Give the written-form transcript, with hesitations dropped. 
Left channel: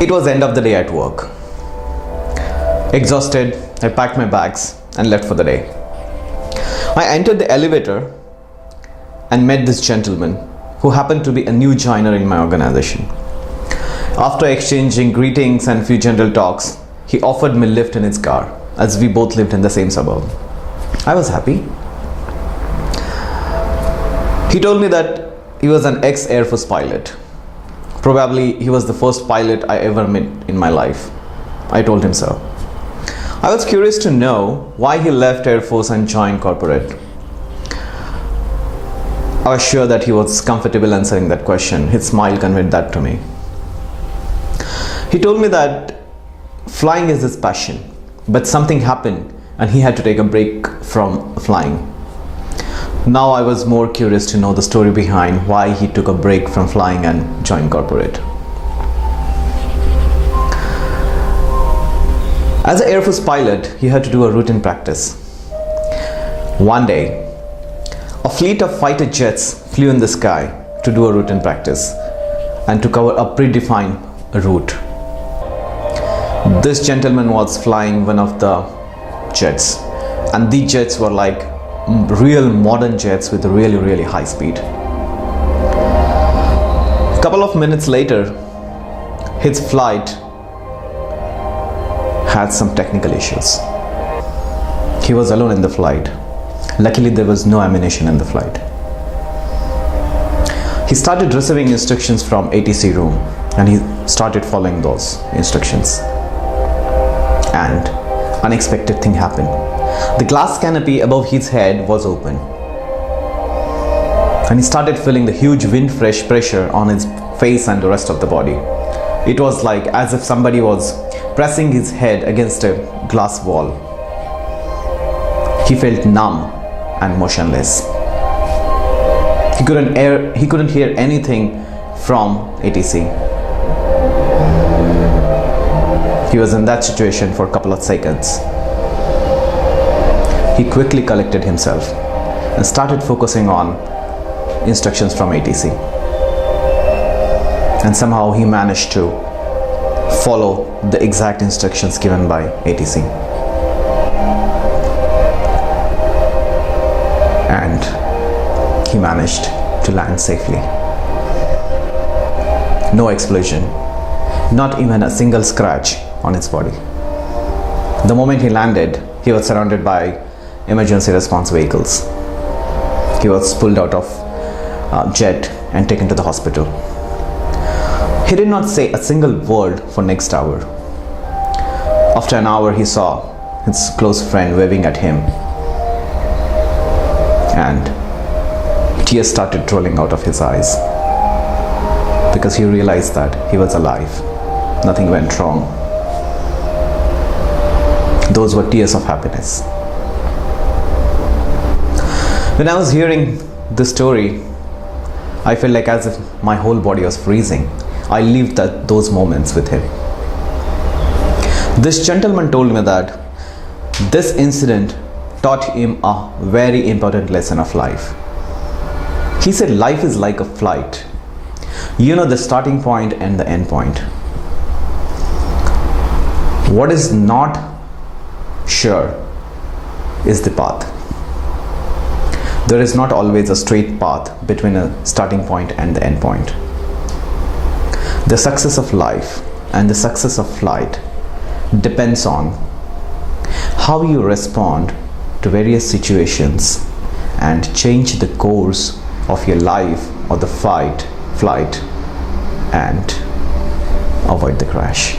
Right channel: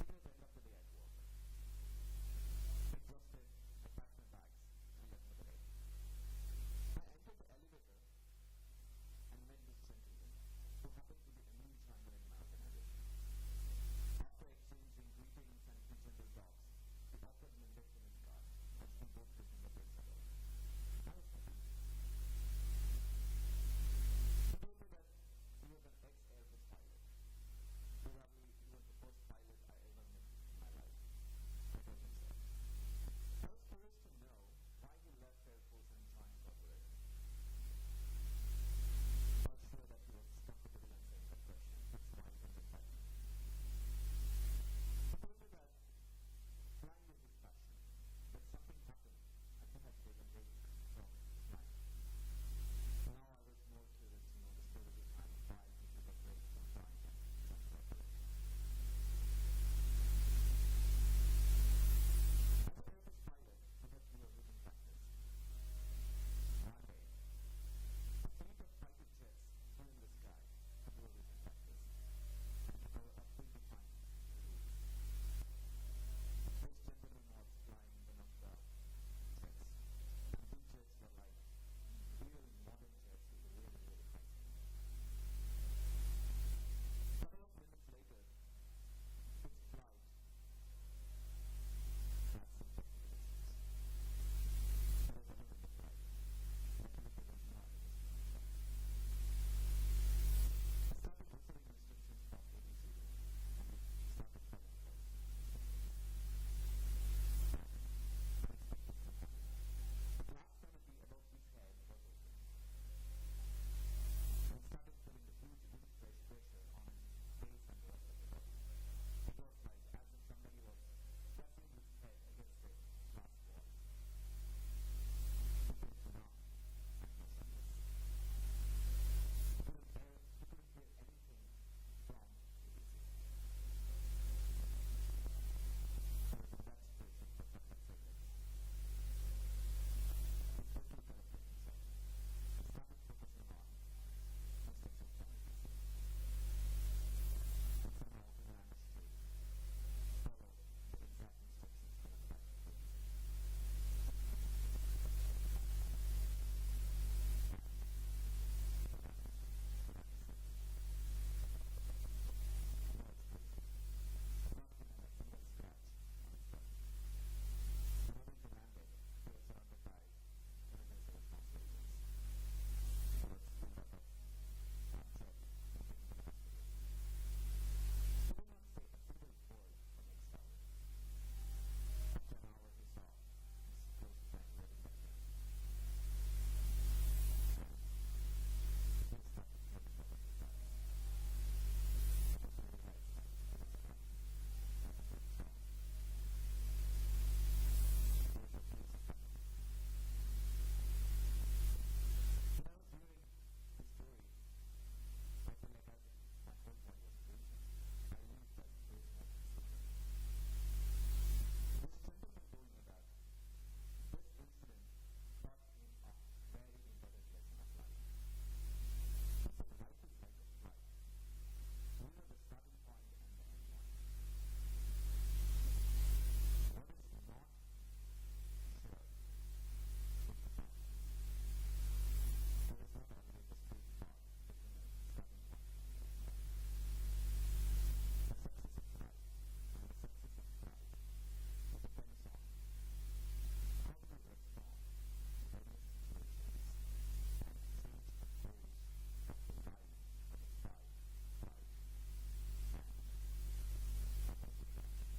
It was end of the day at work. Exhausted, I packed my bags and left for the day. I entered the elevator and met this gentleman who happened to be a new joiner in my organization. After exchanging greetings and few general talks, he offered me a lift in his car as we both lived in the same suburb. I was happy. He told me that he was an ex-Air Force pilot. Probably he was the first pilot I ever met in my life. I told him so. I was curious to know why he left Air Force and joined corporate. I was sure that he was comfortable answering that question. His smile conveyed that to me. He told me that flying is his passion, but something happened and he had to take a break from flying. Now I was more curious to know the story behind why he took a break from flying and joined corporate. As an Air Force pilot, he had to do a routine practice. One day, a fleet of fighter jets flew in the sky to do a routine practice and to cover a predefined route. This gentleman was flying one of the jets, and these jets were like real modern jets with really high speed. A couple of minutes later, his flight had some technical issues. He was alone in the flight. Luckily, there was no ammunition in the flight. He started receiving instructions from ATC room and he started following those instructions. And unexpected thing happened. The glass canopy above his head was open. And he started feeling the huge wind pressure on his face and the rest of the body. It was like as if somebody was pressing his head against a glass wall. He felt numb and motionless. He couldn't hear anything from ATC. He was in that situation for a couple of seconds. He quickly collected himself and started focusing on instructions from ATC. And somehow he managed to follow the exact instructions given by ATC. And he managed to land safely. No explosion, not even a single scratch on his body. The moment he landed, he was surrounded by emergency response vehicles. He was pulled out of jet and taken to the hospital. He did not say a single word for next hour. After an hour, he saw his close friend waving at him, and tears started rolling out of his eyes because he realized that he was alive. Nothing went wrong. Those were tears of happiness. When I was hearing this story, I felt like as if my whole body was freezing. I lived those moments with him. This gentleman told me that this incident taught him a very important lesson of life. He said life is like a flight. You know the starting point and the end point. What is not sure is the path. There is not always a straight path between a starting point and the end point. The success of life and the success of flight depends on how you respond to various situations and change the course of your life or the flight and avoid the crash.